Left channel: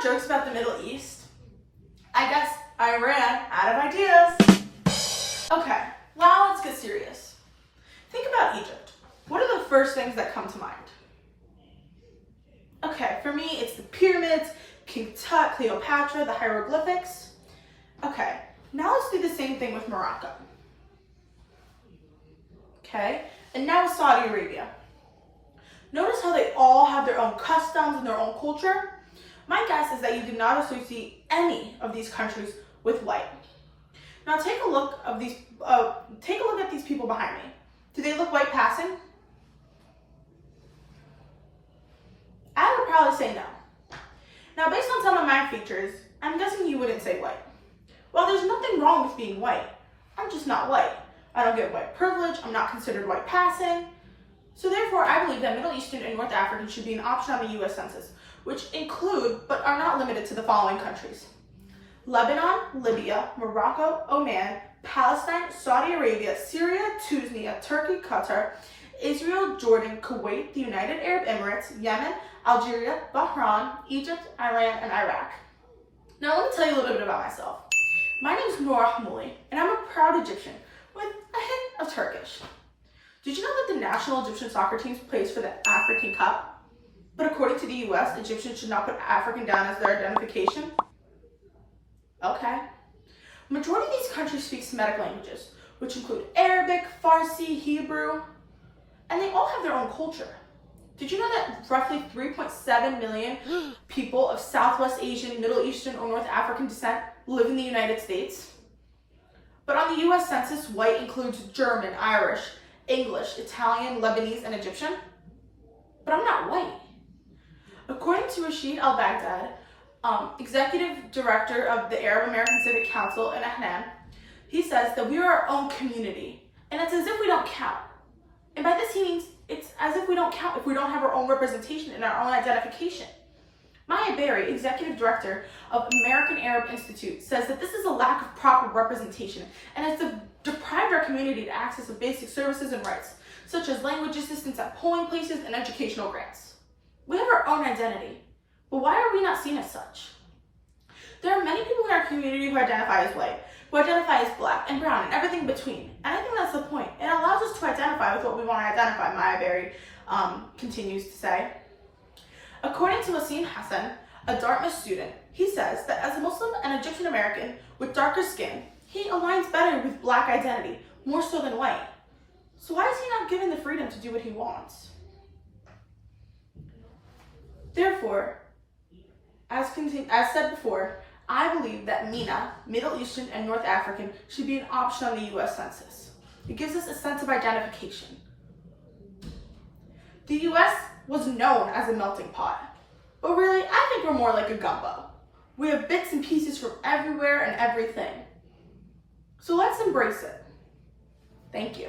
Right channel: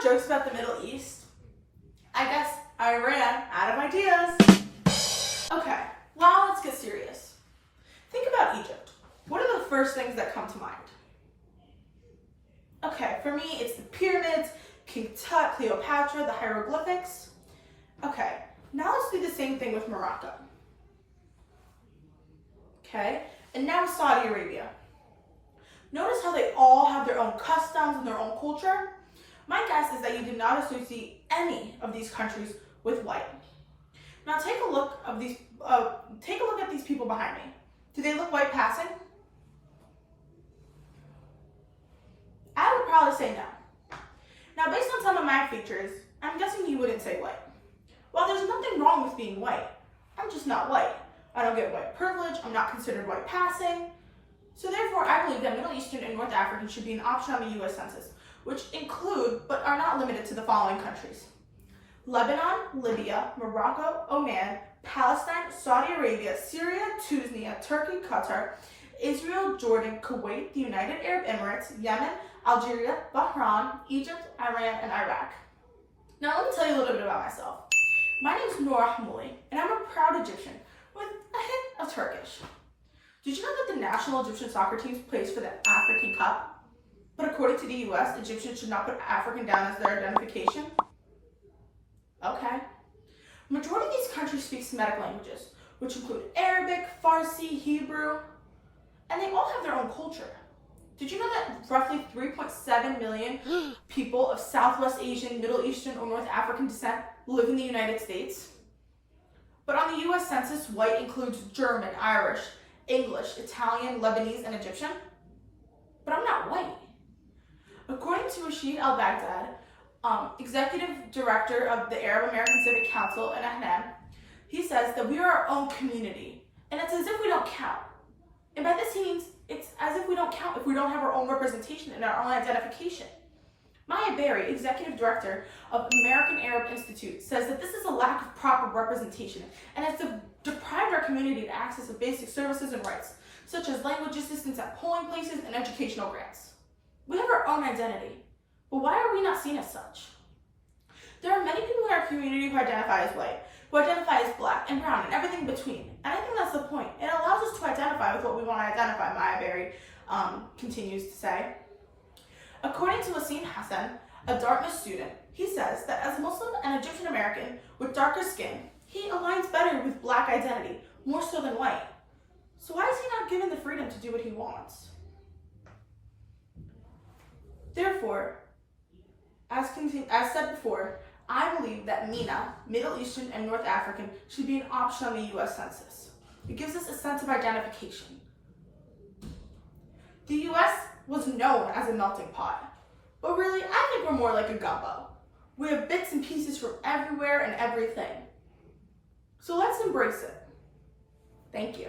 more jokes about the Middle East? I guess I ran out of ideas. Okay, now let's get serious. Think about Egypt. What are the first things that come to mind? Okay, for me, it's the pyramids, King Tut, Cleopatra, the hieroglyphics. Okay, now let's do the same thing with Morocco. Okay, and now with Saudi Arabia. Notice how they all have their own customs and their own culture? My guess is that you did not associate any of these countries with white. Now take a look at these people behind me. Do they look white passing? I would probably say no. Now based on some of my features, I'm guessing you wouldn't say white. Well, there's nothing wrong with being white. I'm just not white. I don't get white privilege, I'm not considered white passing. So therefore, I believe that Middle Eastern and North African should be an option on the US Census, which include, but are not limited to, the following countries: Lebanon, Libya, Morocco, Oman, Palestine, Saudi Arabia, Syria, Tunisia, Turkey, Qatar, Israel, Jordan, Kuwait, the United Arab Emirates, Yemen, Algeria, Bahrain, Egypt, Iran, and Iraq. Now let me tell you a little bit about myself. My name is Noor, and I'm a proud Egyptian with a hint of Turkish. Did you know that the national Egyptian soccer team plays for the African Cup? But according to the US, Egyptians should not put African down as their identification? Okay. Majority of these countries speak Semitic languages, which include Arabic, Farsi, Hebrew, and they all have their own culture. Did you know that roughly 3.7 million people of Southwest Asian, Middle Eastern, or North African descent live in the United States? But on the US Census, white includes German, Irish, English, Italian, Lebanese, and Egyptian. But I'm not white. According to Rashid Al-Baghdad, Executive Director of the Arab American Civic Council in Ahnan, he says that we are our own community, and it's as if we don't count. And by this he means it's as if we don't count if we don't have our own representation and our own identification. Maya Berry, Executive Director of American Arab Institute, says that this is a lack of proper representation and has deprived our community to access of basic services and rights, such as language assistance at polling places and educational grants. We have our own identity, but why are we not seen as such? There are many people in our community who identify as white, who identify as black and brown and everything in between, and I think that's the point. It allows us to identify with what we want to identify, Maya Berry continues to say. According to Wasim Hassan, a Dartmouth student, he says that as a Muslim and Egyptian American with darker skin, he aligns better with black identity, more so than white. So why is he not given the freedom to do what he wants? Therefore, as said before, I believe that MENA, Middle Eastern and North African, should be an option on the US Census. It gives us a sense of identification. The US was known as a melting pot, but really, I think we're more like a gumbo. We have bits and pieces from everywhere and everything. So let's embrace it. Thank you.